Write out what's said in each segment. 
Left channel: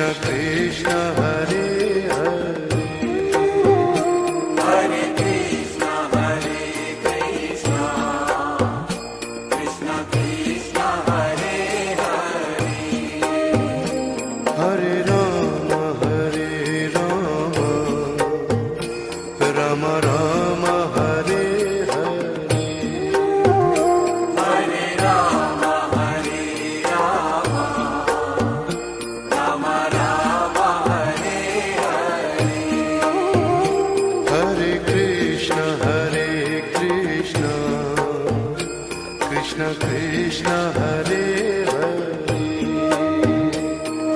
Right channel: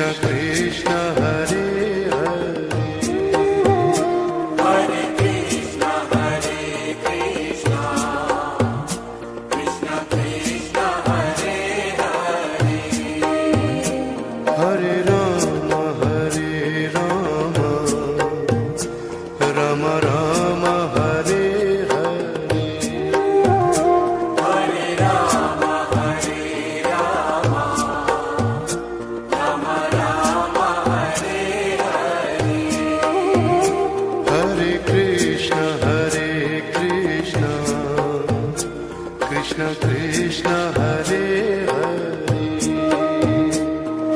Krishna Krishna Hare Hare, Hare Krishna, Krishna Krishna, Hare Hare, Hare Rama Rama Rama Hare Hare, Hare Rama, Rama Rama, Hare Hare, Hare Krishna Krishna Krishna Hare Hare,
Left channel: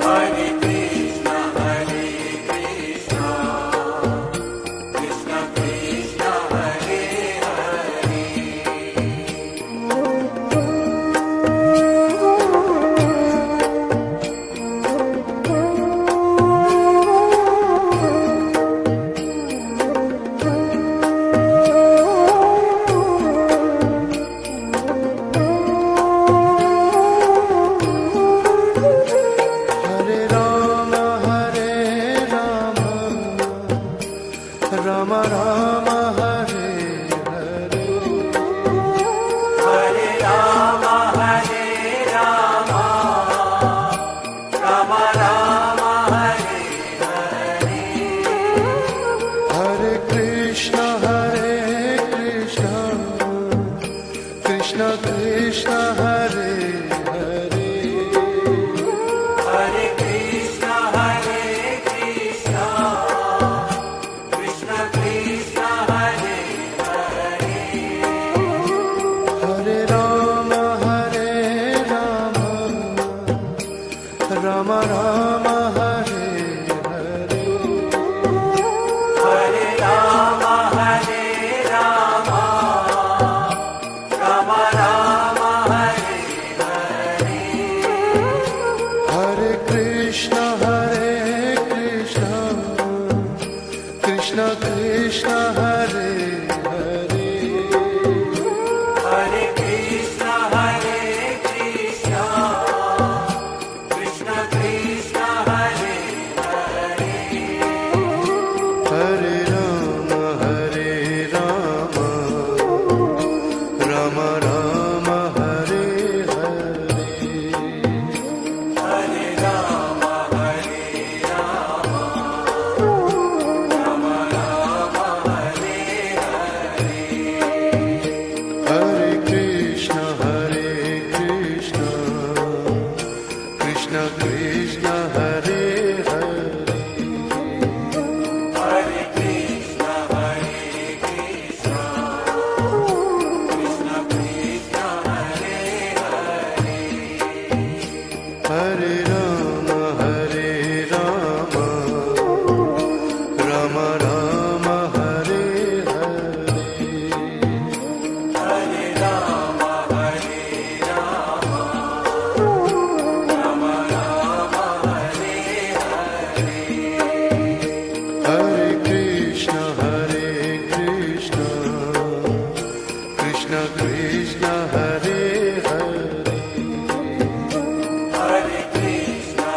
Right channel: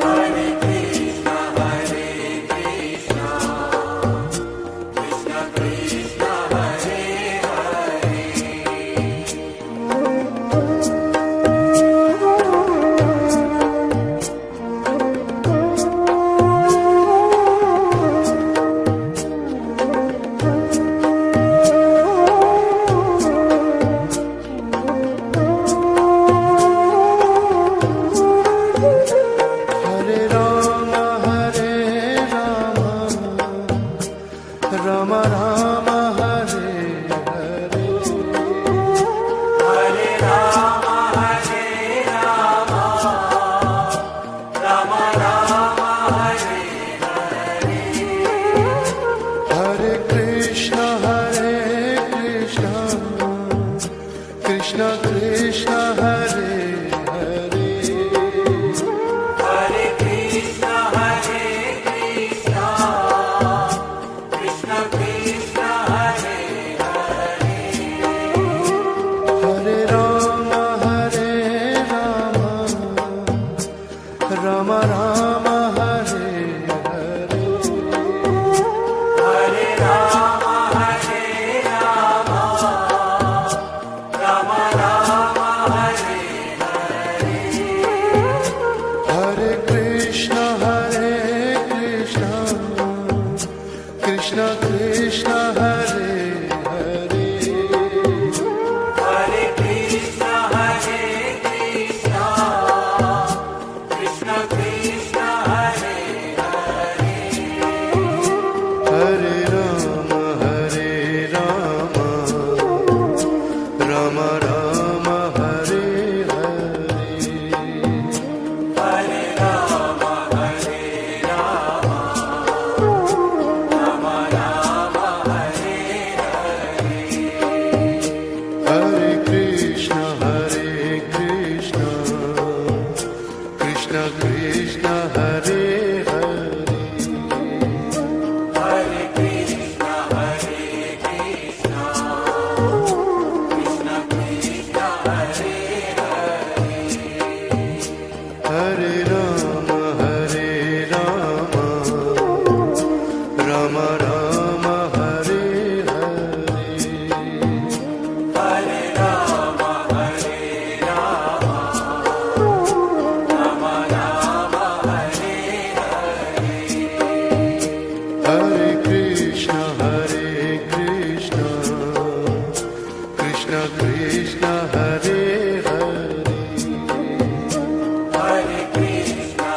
Hare Krishna, Krishna Krishna, Hare Hare, Hare Rama Rama Rama Hare Hare, Hare Rama, Rama Rama, Hare Hare Krishna Krishna Krishna Hare Hare, Hare Krishna, Krishna Krishna, Hare Hare, Hare Rama Rama Rama Hare Hare, Hare Rama, Rama Rama, Hare Hare Krishna Krishna Krishna Hare Hare, Hare Krishna, Krishna Krishna, Hare Hare Rama Rama Rama Hare Hare, Hare Rama, Rama Rama, Hare Hare Krishna Krishna Krishna Hare Hare, Hare Krishna, Krishna Krishna, Hare Hare Rama Rama Rama Hare Hare, Hare Rama, Rama Rama, Hare Hare Krishna Krishna Krishna Hare Hare, Hare Krishna,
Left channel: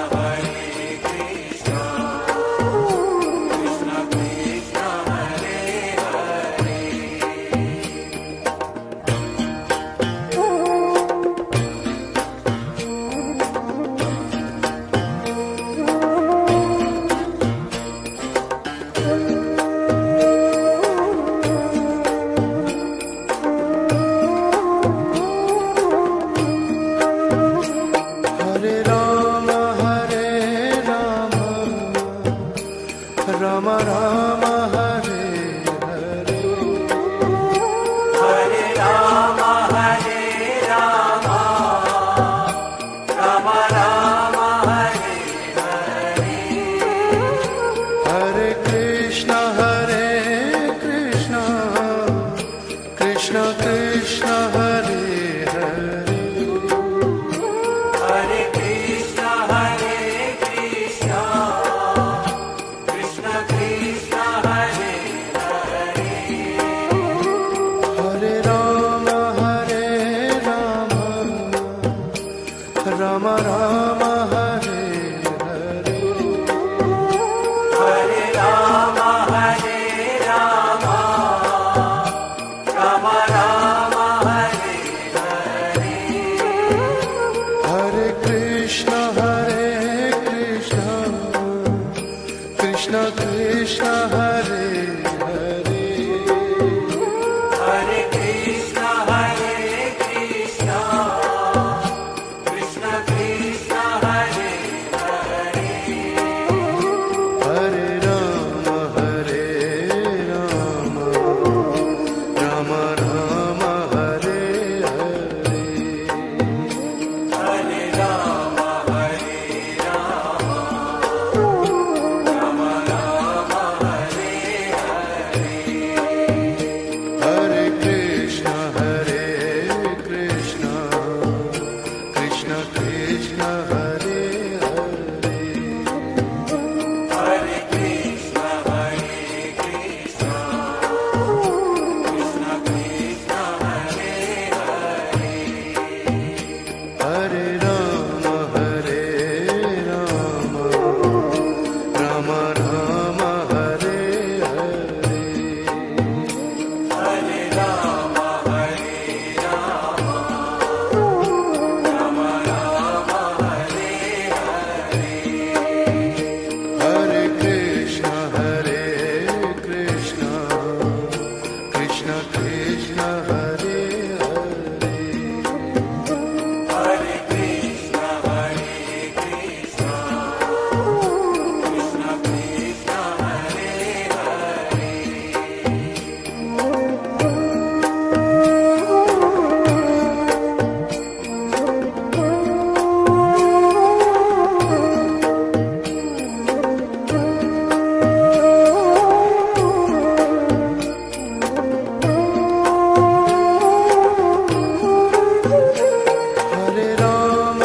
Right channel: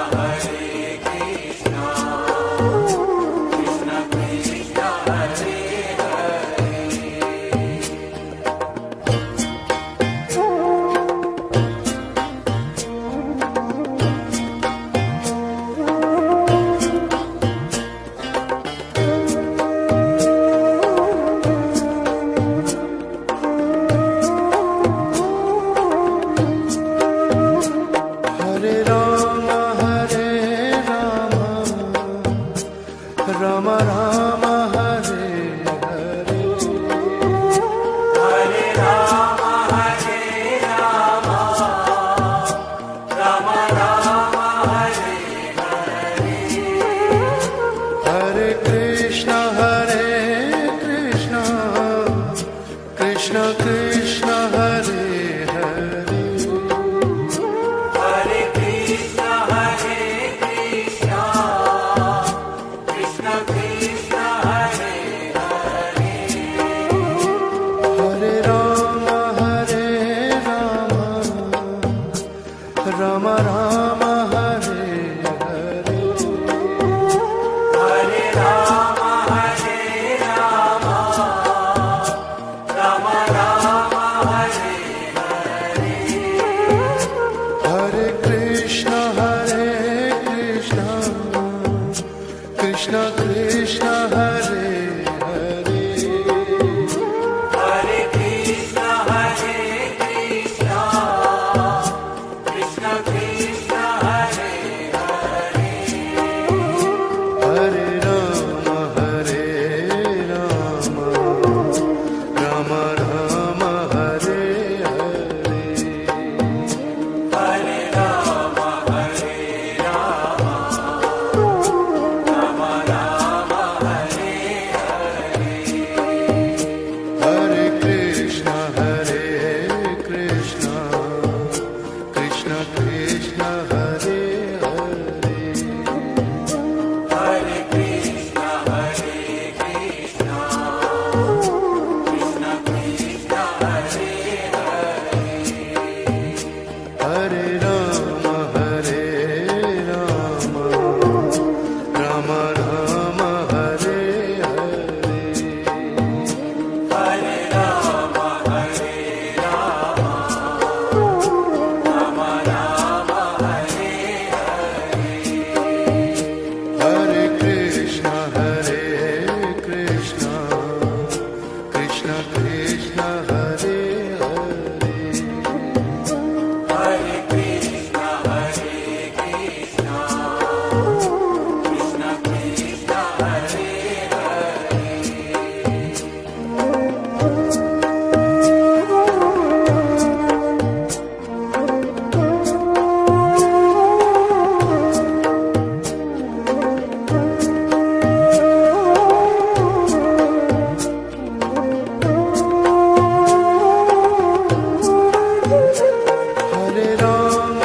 Krishna Krishna, Hare Hare Rama Rama Rama Hare Hare, Hare Rama, Rama Rama, Hare Hare Krishna Krishna Krishna Hare Hare, Hare Krishna, Krishna Krishna Krishna, Hare Hare Rama Rama Rama Hare Hare, Krishna Krishna Hare Hare Hare Krishna, Krishna Krishna, Hare Hare. Hare Ram Ram Ram Hare Hare Hare Rama, Rama Rama, Hare Hare. Hare Krishna Krishna Krishna Hare Hare Hare Krishna, Krishna Krishna, Hare Hare. Hare Ram Ram Ram Hare Hare Hare Rama, Rama Rama, Hare Hare. Hare Krishna Krishna Krishna Hare Hare Hare Krishna, Krishna Krishna, Hare Hare. Hare Ram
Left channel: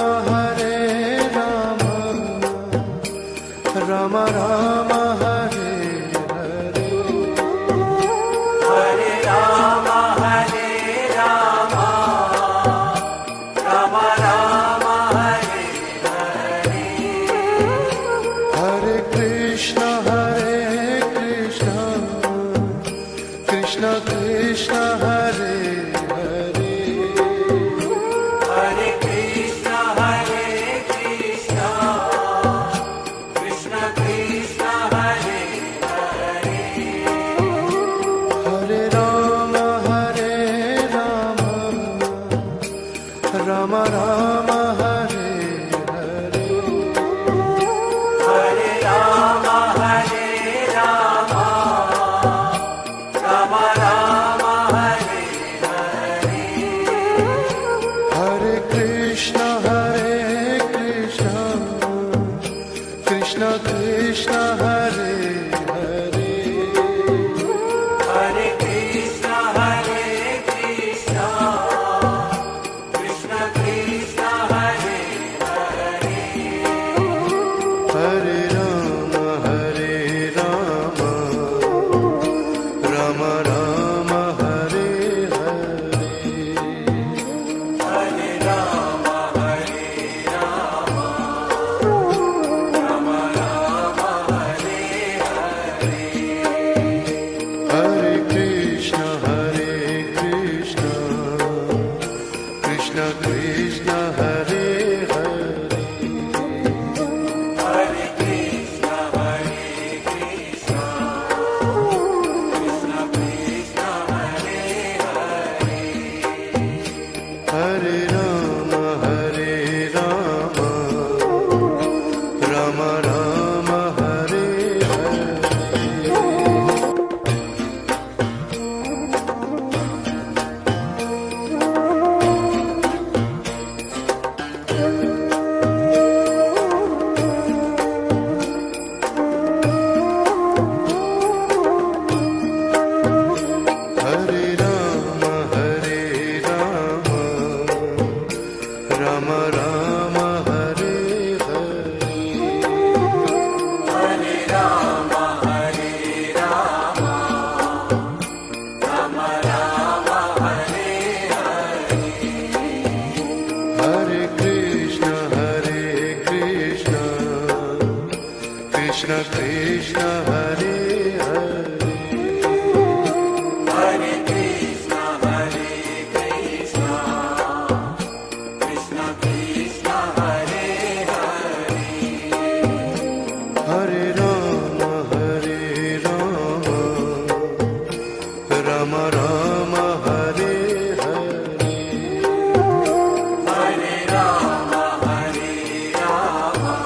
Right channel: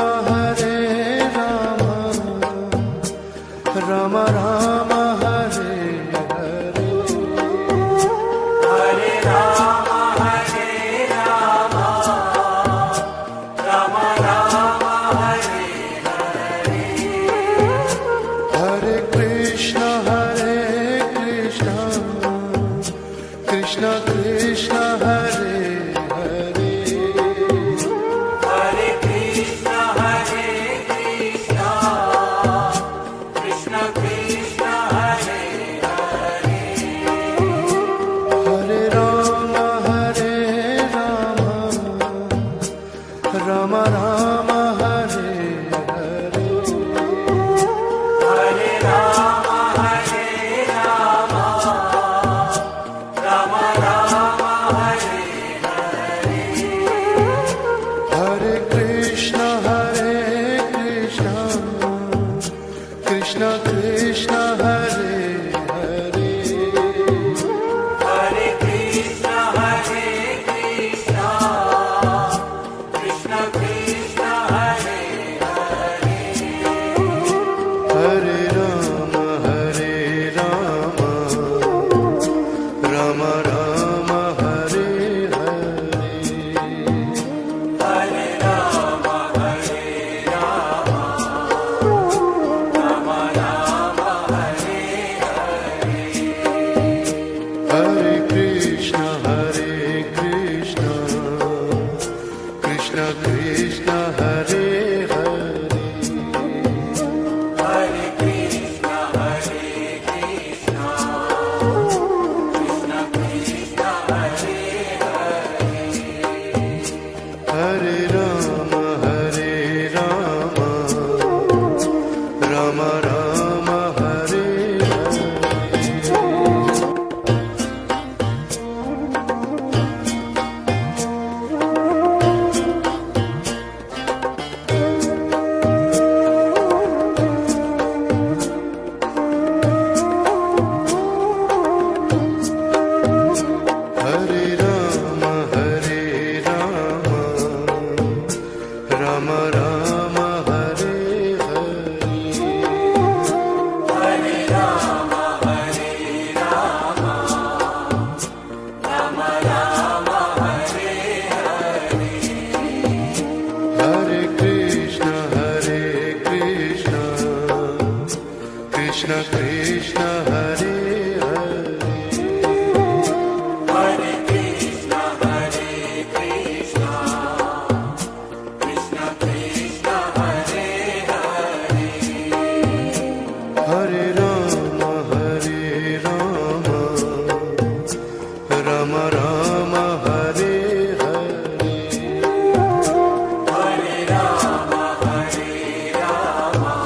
Ram Ram Hare Hare Hare Rama, Rama Rama, Hare Hare. Hare Krishna Krishna Krishna Hare Hare Hare Krishna, Krishna Krishna, Hare Hare. Hare Ram Ram Ram Hare Hare Hare Rama, Rama Rama, Hare Hare. Hare Krishna Krishna Krishna Hare Hare Hare Krishna, Krishna Krishna, Hare Hare. Hare Ram Ram Ram Hare Hare Hare Rama, Rama Rama, Hare Hare. Hare Krishna Krishna Krishna Hare Hare Hare Krishna, Krishna Krishna, Hare Hare. Hare Ram Ram Ram Hare Hare Hare Ram Ram Ram Hare Hare Hare Rama, Rama Rama, Hare Hare. Hare Krishna Krishna Krishna Hare Hare Hare Krishna, Krishna Krishna, Hare Hare. Hare Ram Rama Rama Hare Hare Hare Rama, Hare Rama,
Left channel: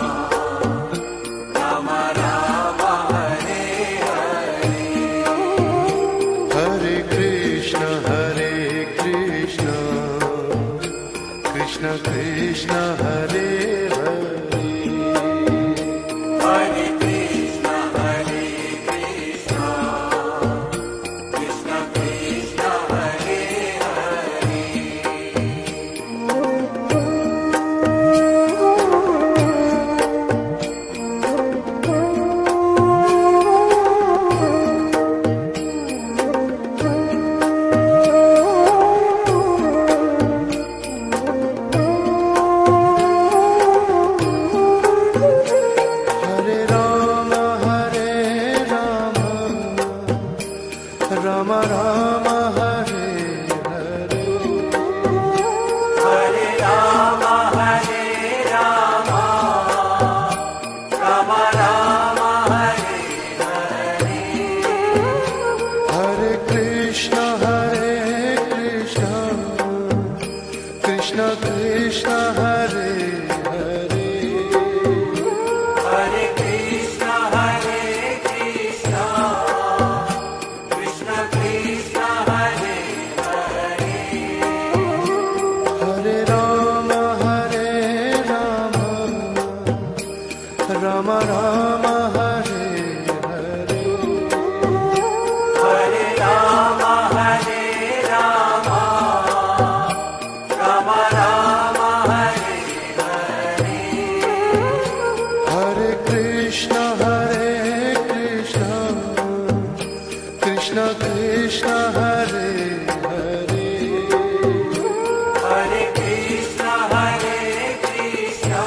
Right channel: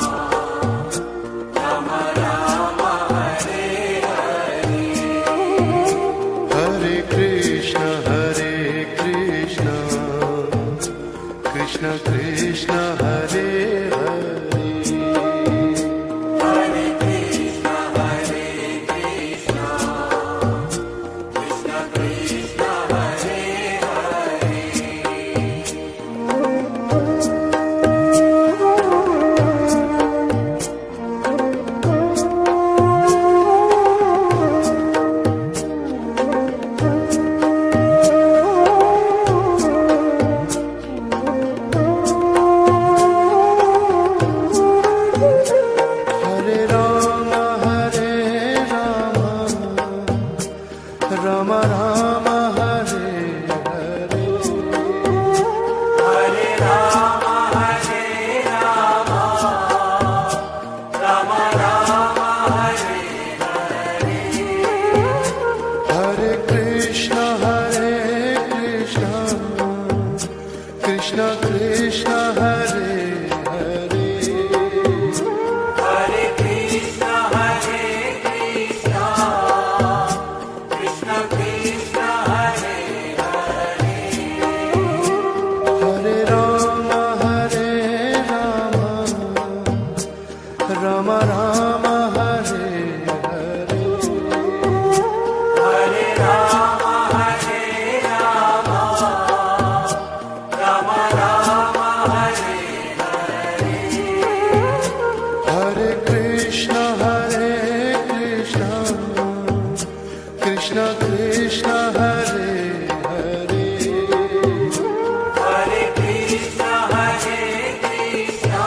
Rama Rama, Hare Hare. Hare Krishna Krishna Krishna Hare Hare Hare Krishna, Hare Krishna, Krishna Krishna, Hare Hare. Hare Rama Rama Rama Hare Hare Hare Rama, Hare Rama, Rama Rama, Hare Hare. Hare Krishna Krishna Krishna Hare Hare Hare Krishna, Hare Krishna, Krishna Krishna, Hare Hare. Hare Rama Rama Rama Hare Hare Hare Rama, Hare Rama, Rama Rama, Hare Hare. Hare Krishna Krishna Krishna Hare Hare Hare Krishna, Hare Krishna,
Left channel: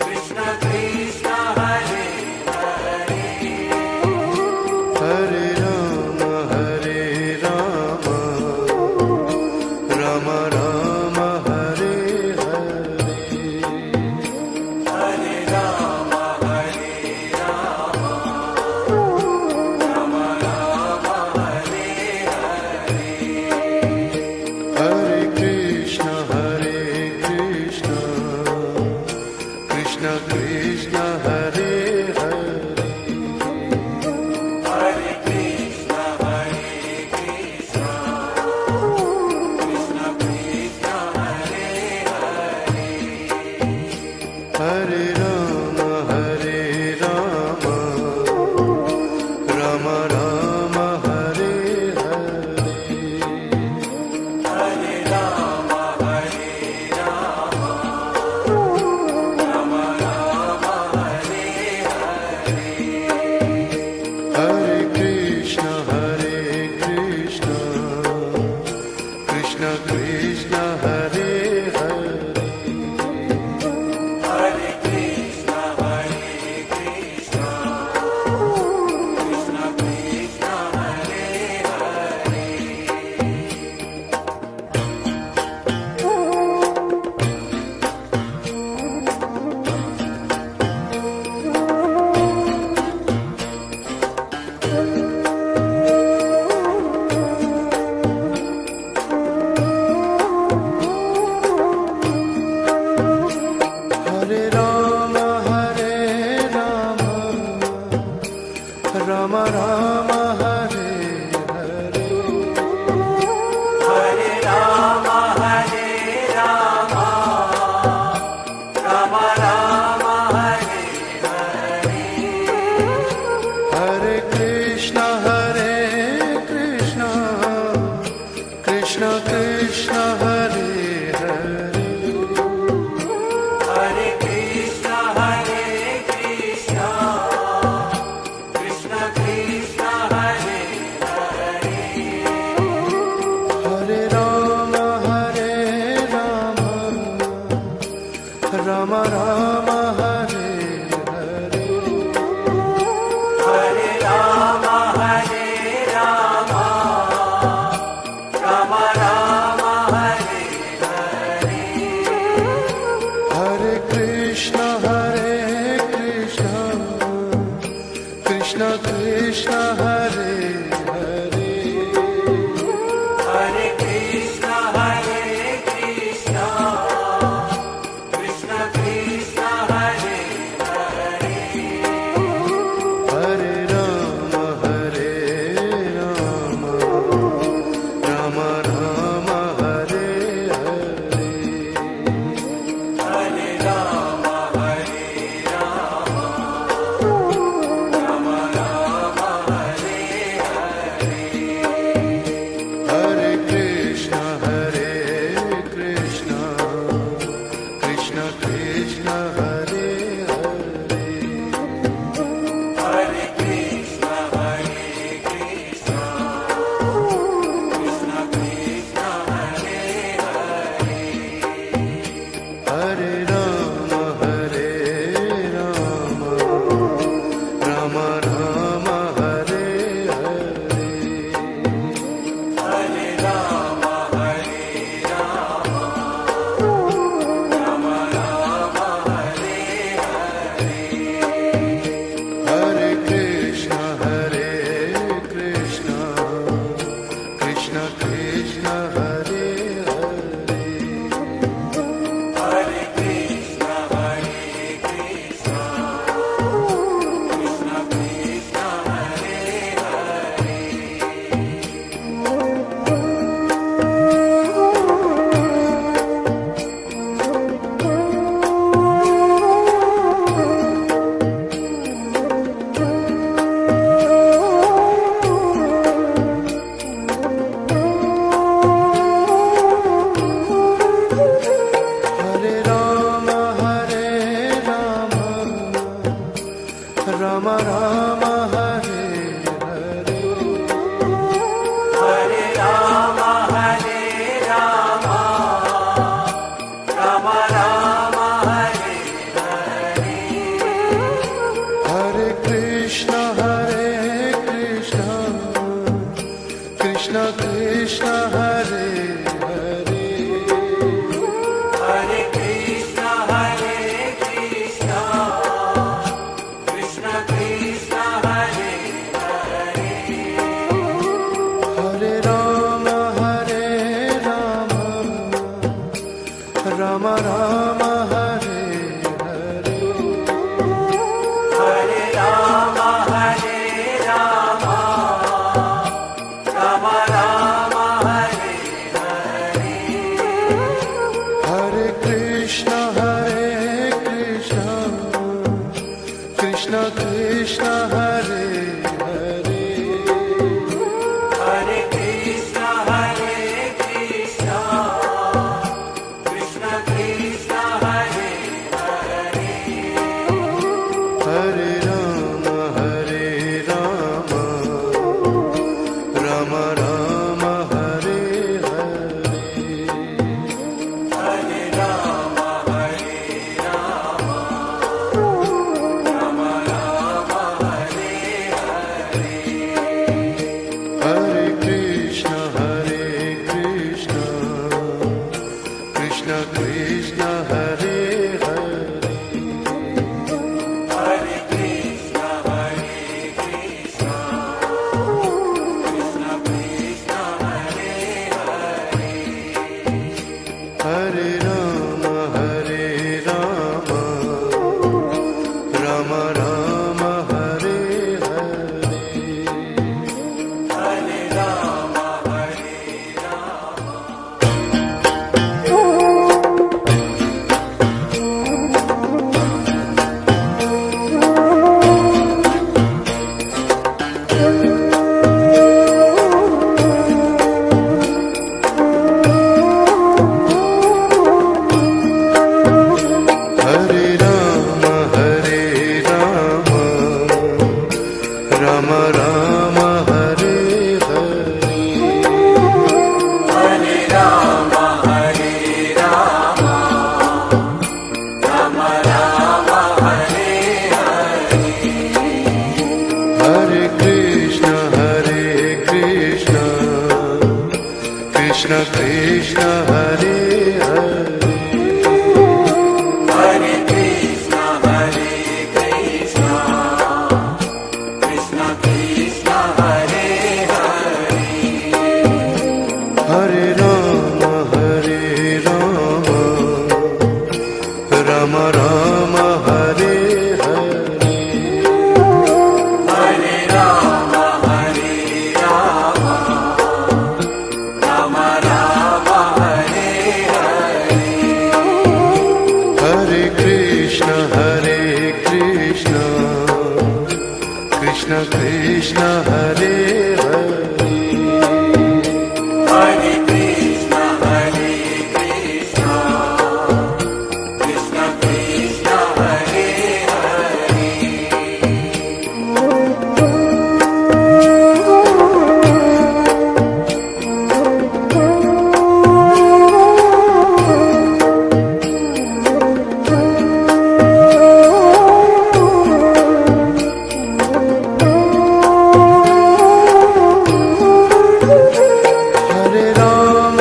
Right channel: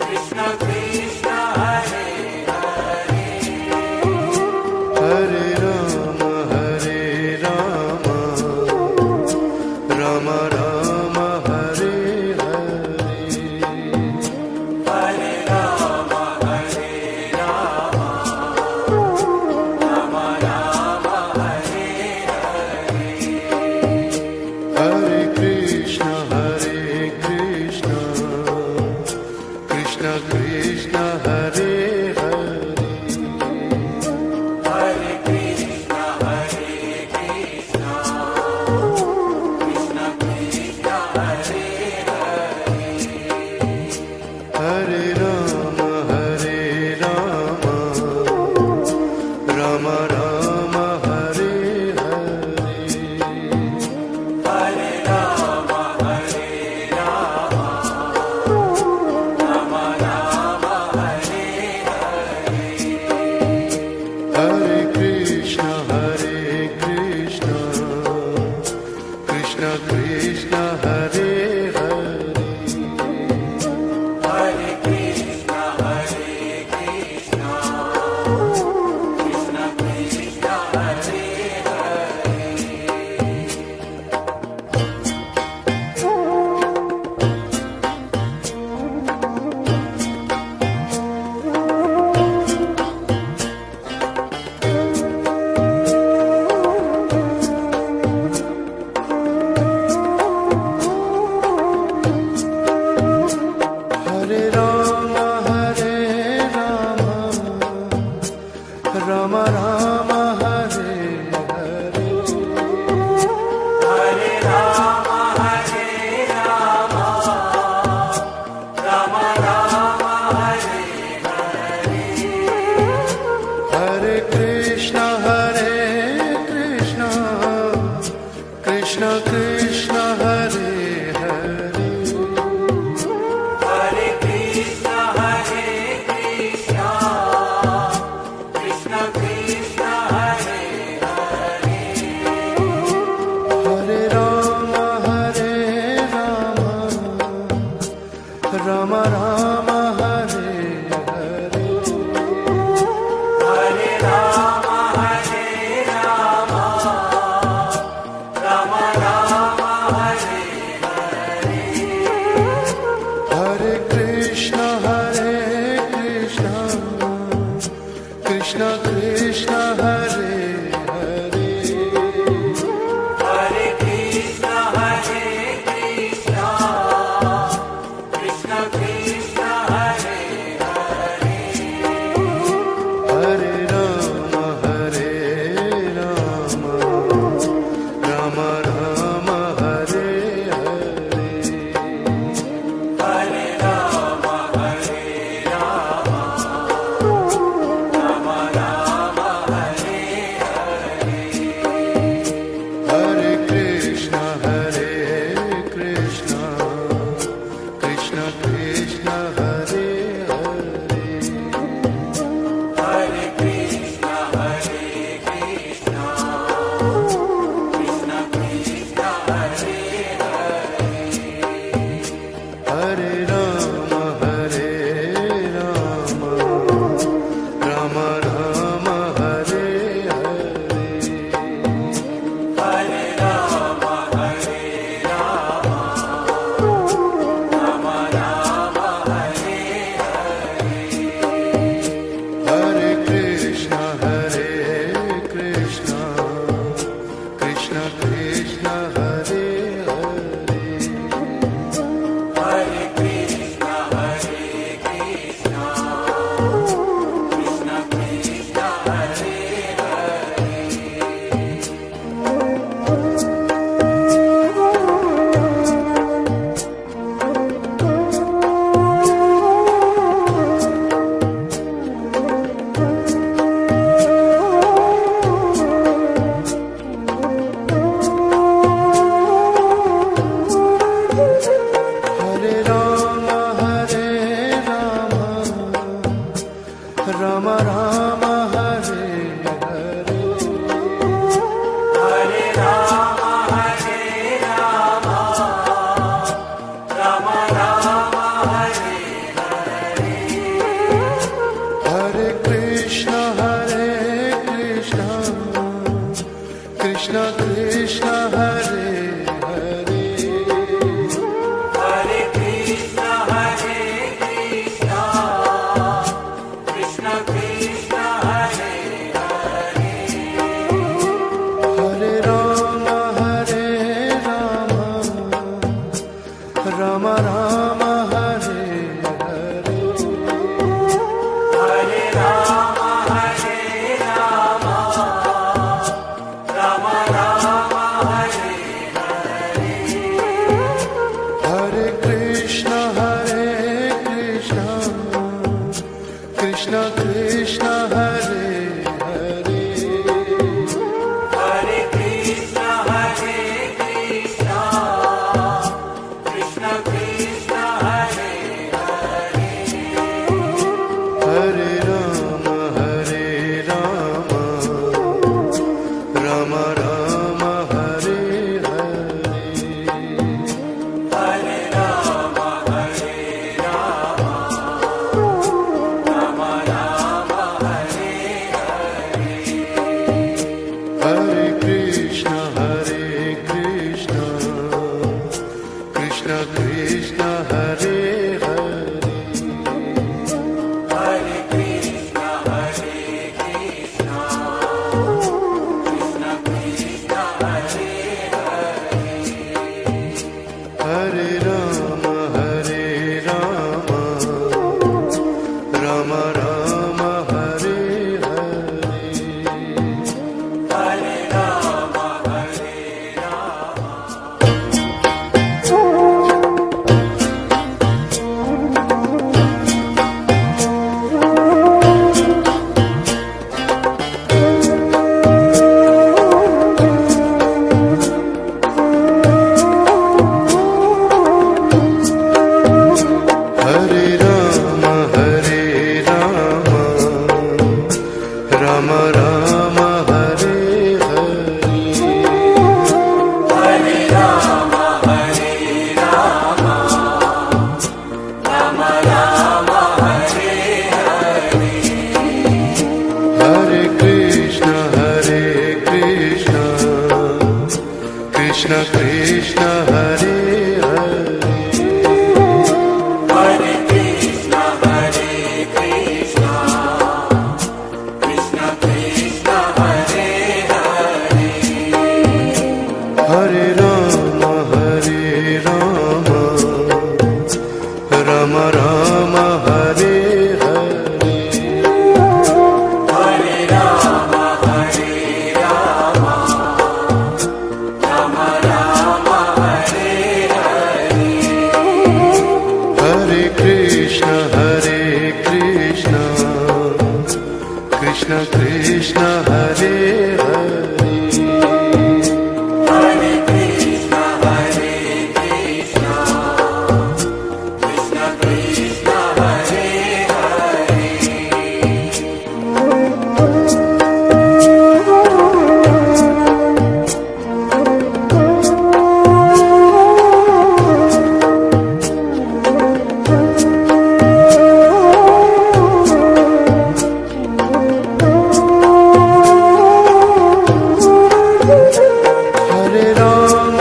Krishna Krishna, Hare Hare. Hare Rama Rama Rama Hare Hare Hare Rama, Hare Rama, Rama Rama, Hare Hare. Hare Krishna Krishna Krishna Hare Hare Hare Krishna, Hare Krishna, Krishna Krishna, Hare Hare. Hare Rama Rama Rama Hare Hare Hare Rama, Hare Rama, Rama Rama, Hare Hare. Hare Krishna Krishna Krishna Hare Hare Hare Krishna, Hare Krishna, Krishna Krishna, Hare Hare Rama Rama Rama Hare Hare Hare Rama, Hare Rama, Rama Rama, Hare Hare. Hare Krishna Krishna Krishna Hare Hare Hare Krishna, Hare Krishna, Krishna Krishna, Hare Hare. Hare Rama Rama Rama Hare Hare Hare Rama, Hare Rama, Rama Rama, Hare Hare. Hare Krishna Krishna Krishna Hare Hare Hare Krishna, Krishna Krishna, Hare Hare, Hare Ram Ram Ram Hare Hare Hare Rama, Hare Hare Krishna Krishna Krishna Hare Hare Hare Krishna, Krishna Krishna, Hare Hare Ram Ram Ram Hare Hare Hare Rama, Hare Hare Krishna Krishna Krishna Hare Hare Hare Krishna, Krishna Krishna, Hare Hare Ram Ram Ram Hare Hare Hare Rama, Hare Rama, Rama Rama, Hare Hare Krishna Krishna Krishna Hare Hare Hare Krishna, Krishna Krishna, Hare Hare Ram Ram Ram Hare Hare Hare Rama, Hare Rama, Rama Rama, Hare Hare Krishna Krishna Krishna Hare Hare Hare Krishna, Krishna Krishna, Hare Hare Ram Ram Ram Hare Hare Hare Rama, Hare Hare Krishna Krishna Krishna Hare Hare Hare Krishna, Krishna Krishna, Hare Hare Ram Ram Ram Hare Hare Hare Rama, Hare Hare Ram Ram Ram Hare Hare Hare Rama, Hare Rama, Rama Rama, Hare Hare Krishna Krishna Krishna Hare Hare Hare Krishna, Krishna Krishna Krishna Hare Hare Hare Krishna, Hare Krishna, Krishna Krishna, Hare Hare Ram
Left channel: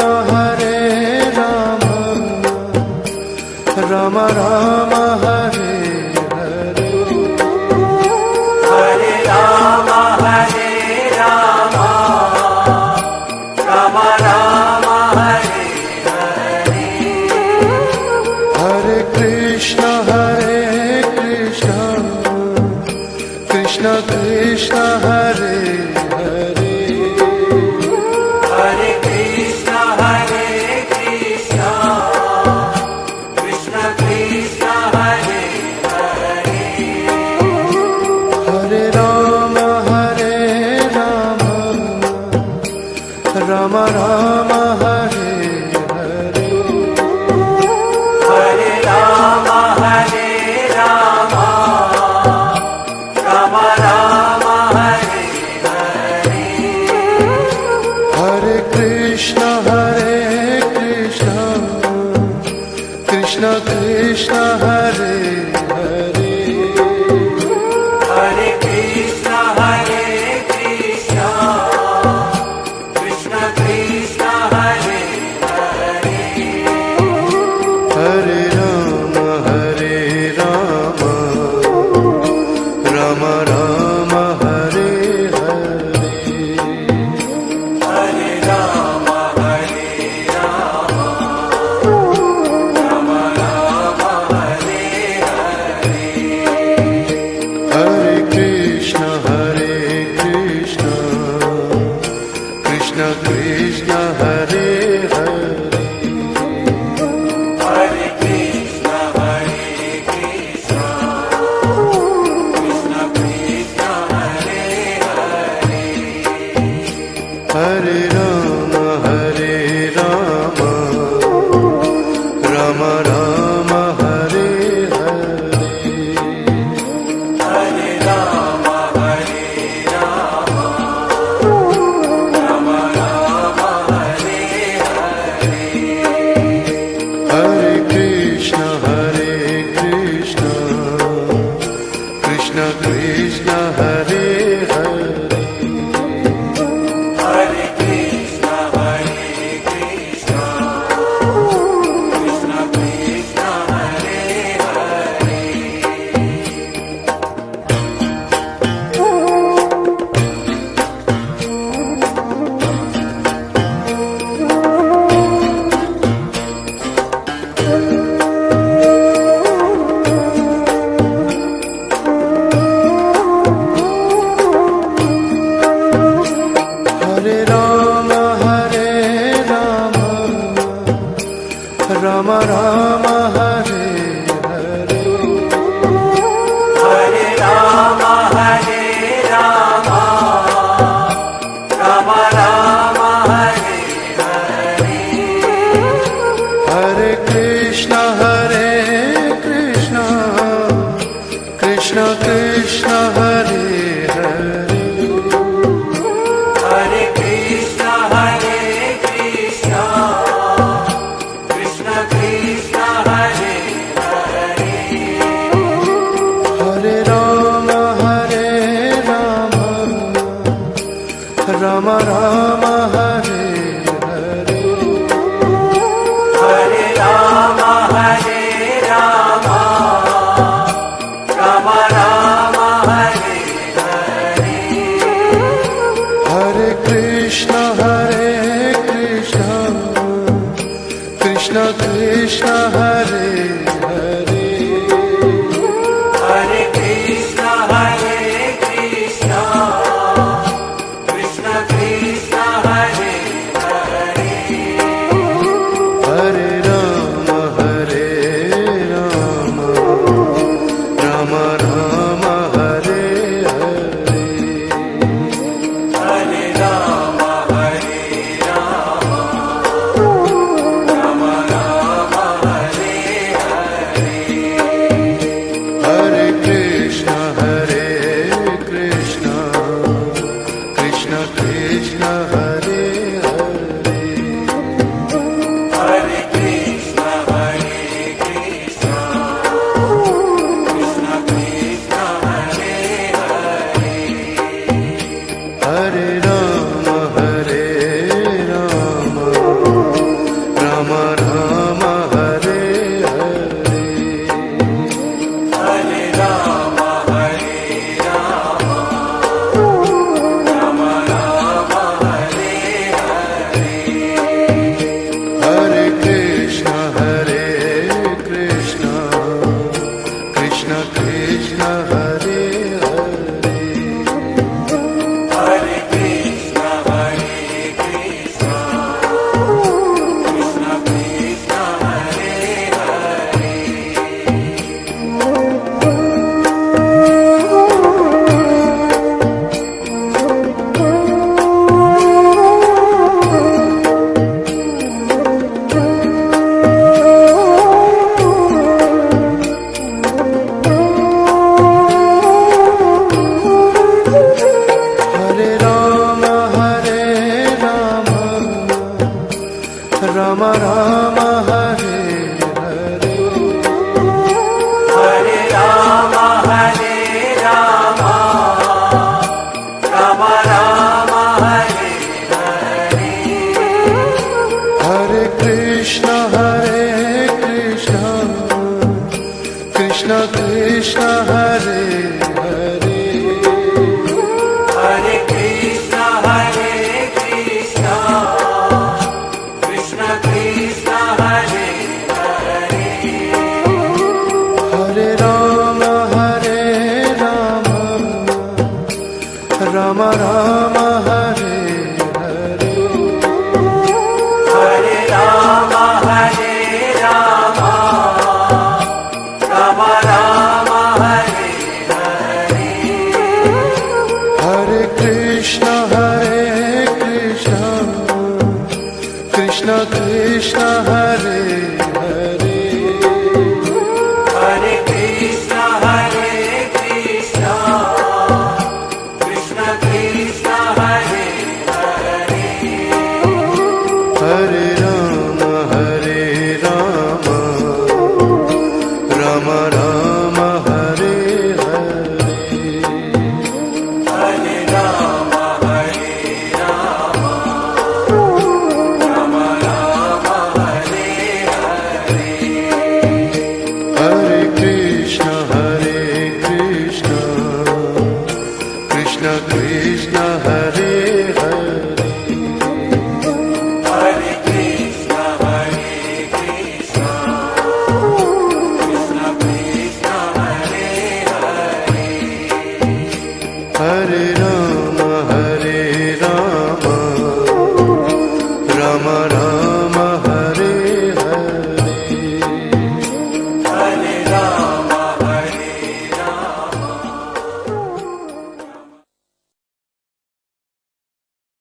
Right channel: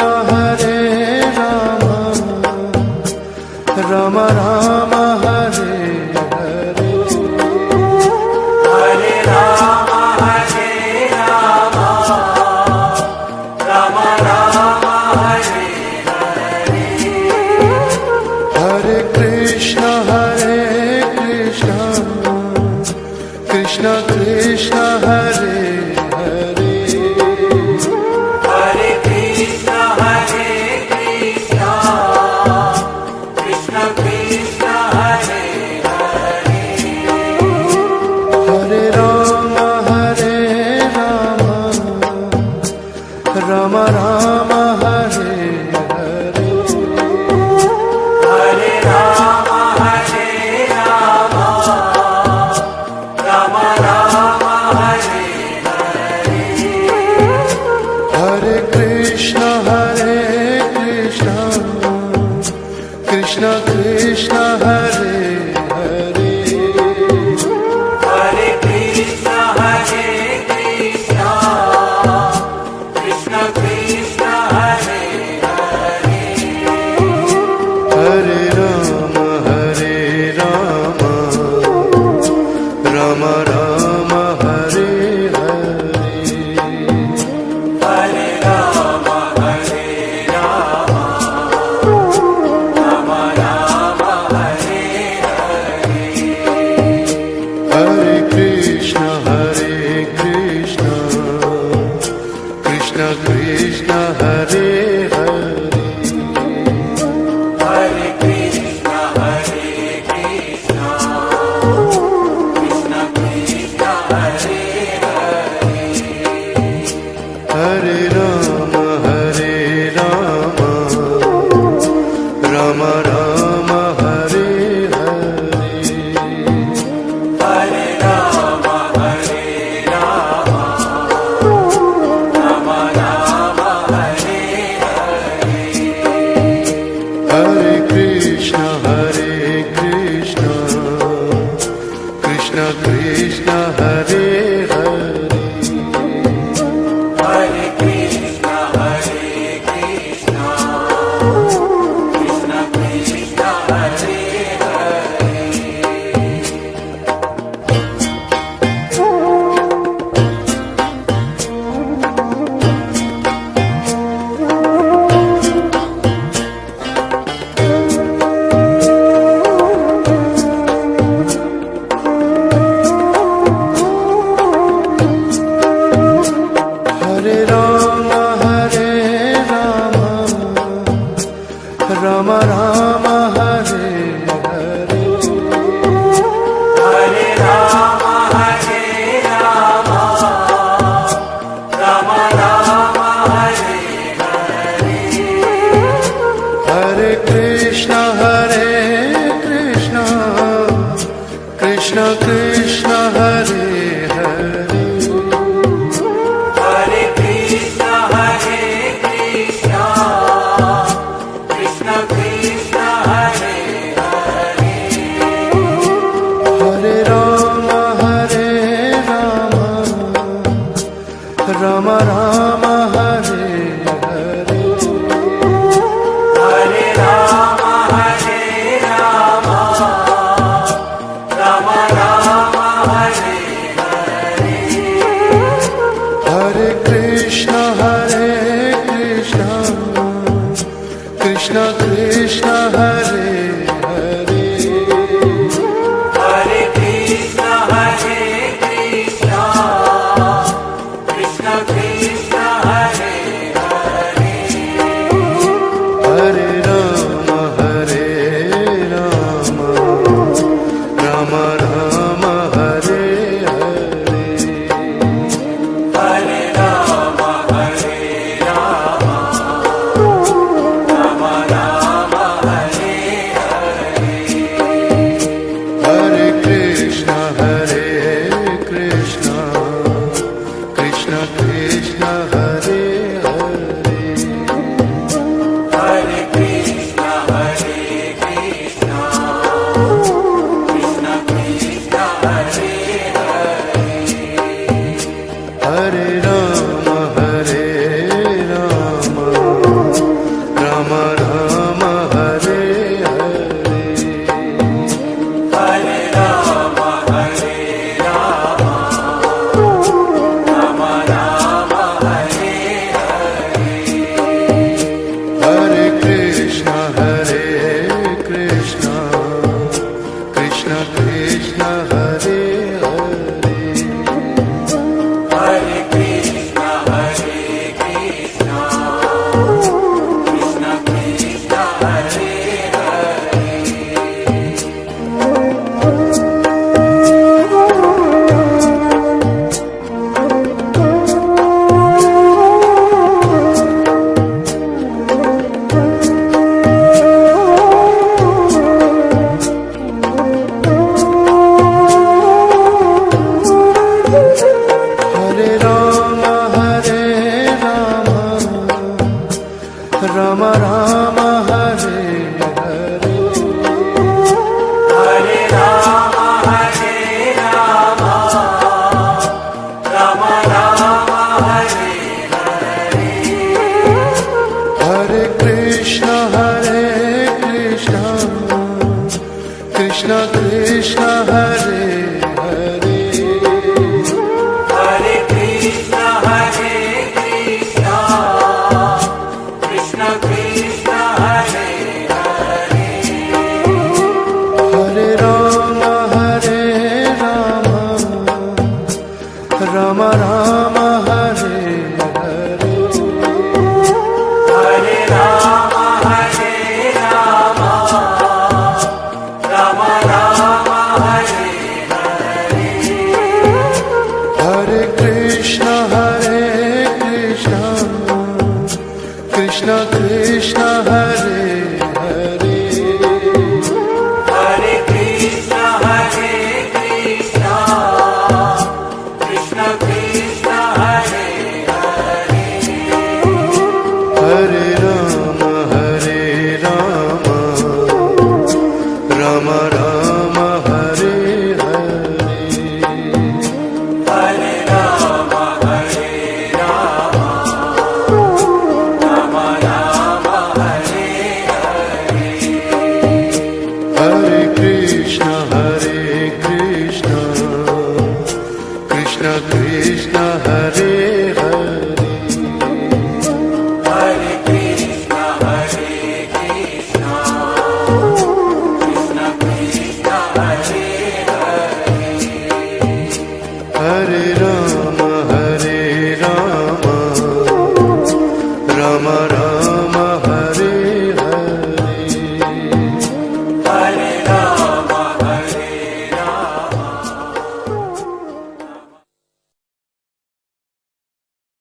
Ram Ram Hare Hare Hare Rama, Hare Rama, Rama Rama, Hare Hare Krishna Krishna Krishna Hare Hare Hare Krishna, Hare Krishna, Krishna Krishna, Hare Hare Ram Ram Ram Hare Hare Hare Rama, Hare Rama, Rama Rama, Hare Hare Krishna Krishna Krishna Hare Hare Hare Krishna, Hare Krishna, Krishna Krishna, Hare Hare Ram Ram Ram Hare Hare Hare Rama, Hare Rama, Rama Rama, Hare Hare Krishna Krishna Krishna Hare Hare Hare Krishna, Hare Krishna, Krishna Krishna, Hare Hare Ram Ram Ram Hare Hare Hare Rama, Hare Rama, Rama Rama, Hare Hare Krishna Krishna Krishna Hare Hare Hare Krishna, Hare Krishna, Krishna Krishna, Hare Hare Ram Ram Ram Hare Hare Hare Rama, Hare Rama, Rama Rama, Hare Hare Krishna Krishna Krishna Hare Hare Hare Krishna, Hare Krishna, Krishna Krishna, Hare Hare Ram Ram Ram Hare Hare Hare Rama, Hare Rama, Rama Rama, Hare Hare Krishna Krishna Krishna Hare Hare Hare Krishna, Hare Krishna, Krishna Krishna, Hare Hare Ram Ram Ram Hare Rama, Hare Rama, Rama Rama, Hare Hare. Hare Rama, Hare Rama, Rama Rama, Hare Hare. Hare Krishna, Hare Krishna, Krishna Krishna, Hare Hare. Hare Krishna, Hare Krishna, Krishna Krishna, Hare Hare Rama, Hare Rama, Rama Rama, Hare Hare. Hare Rama, Hare Rama, Rama Rama, Hare Hare Krishna, Hare Krishna, Krishna Krishna, Hare Hare. Hare Krishna, Hare Krishna, Krishna Krishna, Hare Hare Rama, Hare Rama, Rama Rama, Hare Hare. Hare Rama, Hare Rama, Rama Rama, Hare Hare Krishna, Hare Krishna, Krishna Krishna, Hare Hare. Hare Krishna, Hare Krishna, Krishna Krishna, Hare Hare Rama, Hare Rama, Rama Rama, Hare Hare. Hare Rama, Hare Rama, Rama Rama, Hare Hare Krishna, Hare Krishna, Krishna Krishna, Hare Hare. Hare Krishna, Hare Krishna, Krishna Krishna, Hare Hare Rama, Hare